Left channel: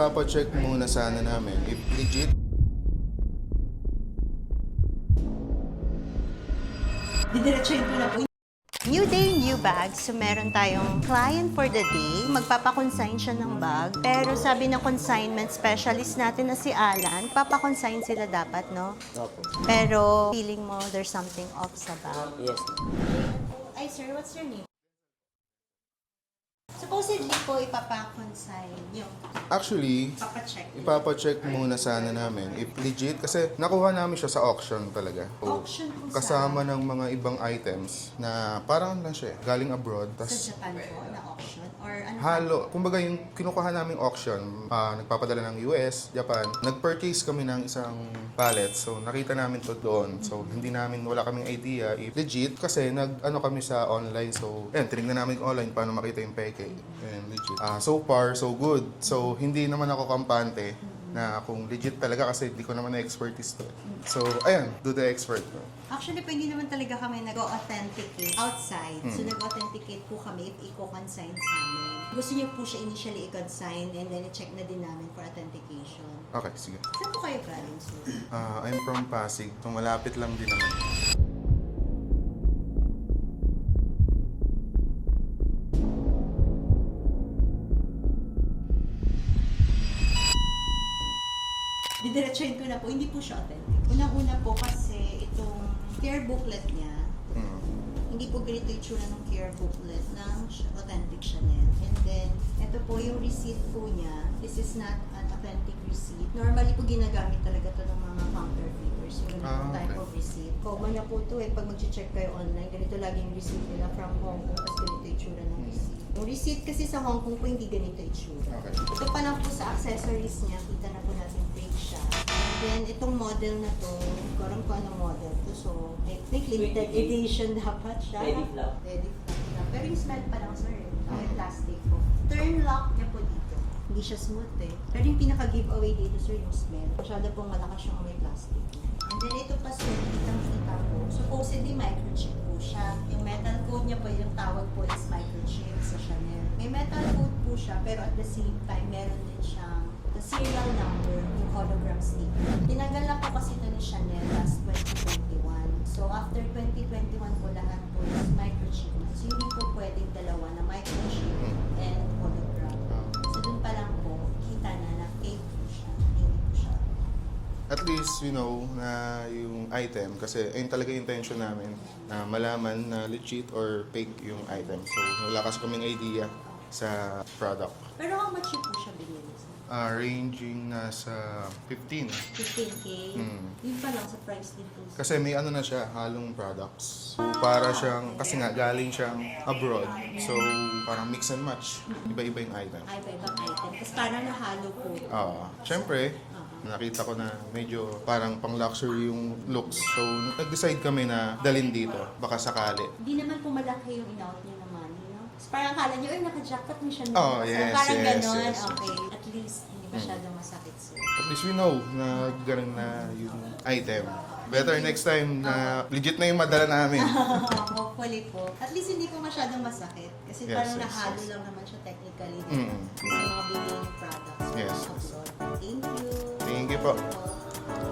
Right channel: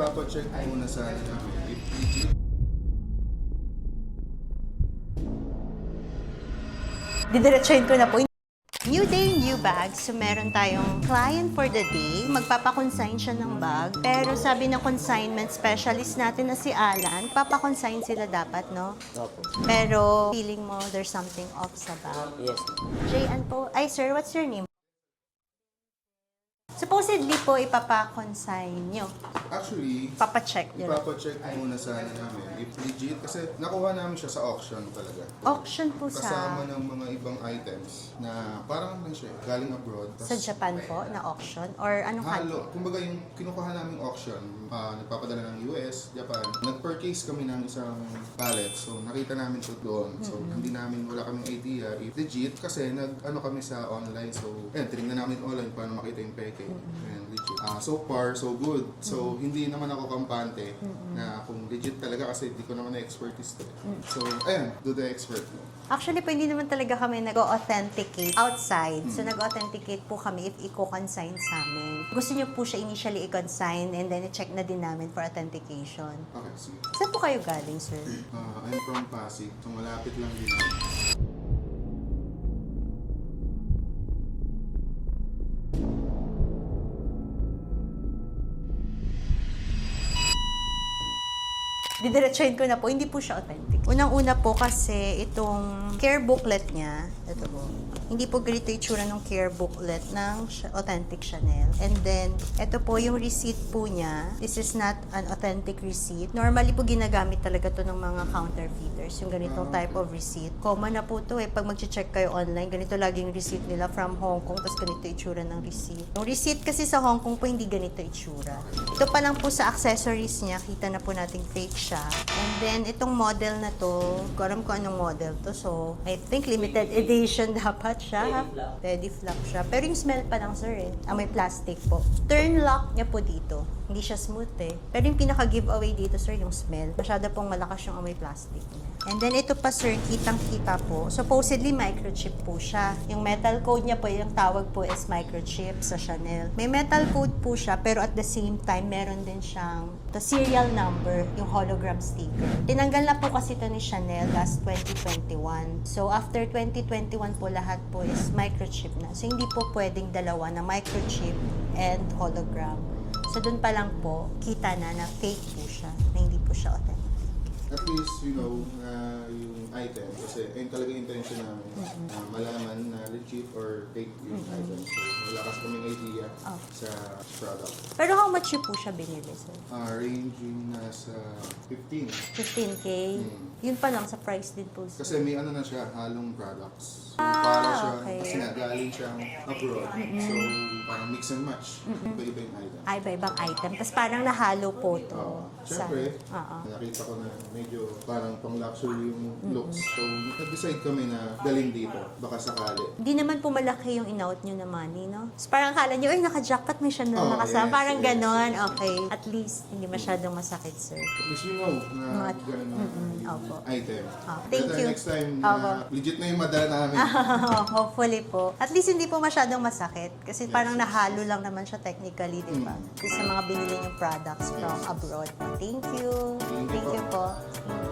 Ipapacheck muna sana namin if legit. Didiretsuhin ko na po. New day, new bag. So, meron tayong client for the day. Magpapakonsign siya ng bag. Pero sabi ng consignment specialist natin na si Alan, papakonsign sila dapat, no? Opo. Pero feeling mo there's something off sa bag. Yes. Jayan po. Ay, sir, what's your name? Supposedly po, ipapakonsign nyo. Actually, Papacheck nyo. ipapacheck muna sana namin if legit. Kasi nakuha namin siya sa auction talaga. Auction po Kasama ng mga ibang items na parang na siya, galing abroad. sa Japan po na auction? Or ano Halo. Kumbaga yung kinukuha naming auction, nagpapadala ng US, Japan. Nag-purchase kami ng isang pallet. So nakita namin to doon. So hindi namin, wala kaming idea if legit. Kasi nag-ano kami sa online. So yan, tinignan namin online paano makita yung peke. Yan, legit. So far, so good. So hindi naman ako kampante na kung legit talaga kasi hindi ko naman na-expertise to. So ayan, do the expert. No? Actually po, hindi naman talaga kami nag-authenticate outside. So, nag-authenticate po kami if i-consign sa amin. Gusto niyo po siya initially i-consign and then i-check na din namin for authentication. Okay, sige. Saan po kayo galing, sir? I'm from Pasig. So malapit lang din ako. Didiretsuhin ko na po, hindi po siya authentic. Unang-una po kasi itong care booklet niya, ito po, hindi po ganito yung itsura ng care booklet ng authentic Chanel. And then, ito po yung receipt po niya. This is not an authentic receipt. Normally po ginagamit talaga to ng mga counterfeiters, yung ganitong type of receipt. Common na po to eh, pag mag-check kayo online, ganito lagi yung receipt nila from Hong Kong, tapos ganito yung itsura ng receipt. Yung receipt kasi sa Hong Kong po, hindi ganito itsura. Ito pa lang po sa accessories niya, kita na po nating fake siya. And then, itong model na to, ko alam ko anong model to, so I think limited edition dapat siya. Teddy flap siya. Pero yung smell pa lang, sir, eh. Amoy plastic po. Turn lock niya po dito. Hindi siya smooth, eh. Pero yung pinaka-giveaway dito, sir, yung smell. Masyado pong malakas yung amoy plastic. And then, ito pa, sir, kitang-kita po. Supposedly, microchip po siya. Yung metal code niya po, yung tawag po is microchip sa Chanel. May metal code po siya, pero at the same time, meron din siyang the serial number, yung hologram sticker. Tinanggal na po kasi ito ni Chanel last 2021. So, after 2021 po, lahat po is microchip na. So, hindi po pwedeng dalawa na microchip and hologram. So, dun pa lang po, kita na fake po siya, na hindi po siya authentic. At least, you know, na yung item, kasi yun talaga yung intention namin, na malaman na legit or fake yung item. So, wala kasi kaming idea sa product. Pero how much po siya binili, sir? Ranging nasa 15. 15K? Yun pa lang sa price din po, sir. Kasi may ano na siya, halong products. Para siyang, okay. kasi nga galing siyang abroad. So, parang mix and match. Iba-iba yung item. Ay, iba-ibang item. Tapos parang nahalo po ito. Siyempre, Oo. nakita ko na medyo parang pang-luxury yung looks. So, nag-decide kami na dalhin dito. Baka sakali. Hindi naman po malaki yung in-out nyo na money, no? So, parang akala nyo, ay, naka-jackpot, may siya na Oh, nakasama. yes, Parang yes, ganon. yes. Okay. At least, hindi masyadong masakit, sir. At least we know na ganun na yung Opo. item. Thank Better you. next time na legit na yung madala namin. Hopefully po. At least hindi po masyadong masakit. Kasi Yes, parang yes. nahalo lang naman siya technically, di ba? Sa mga binili yung products from Yes. abroad. Thank you. Thank you po.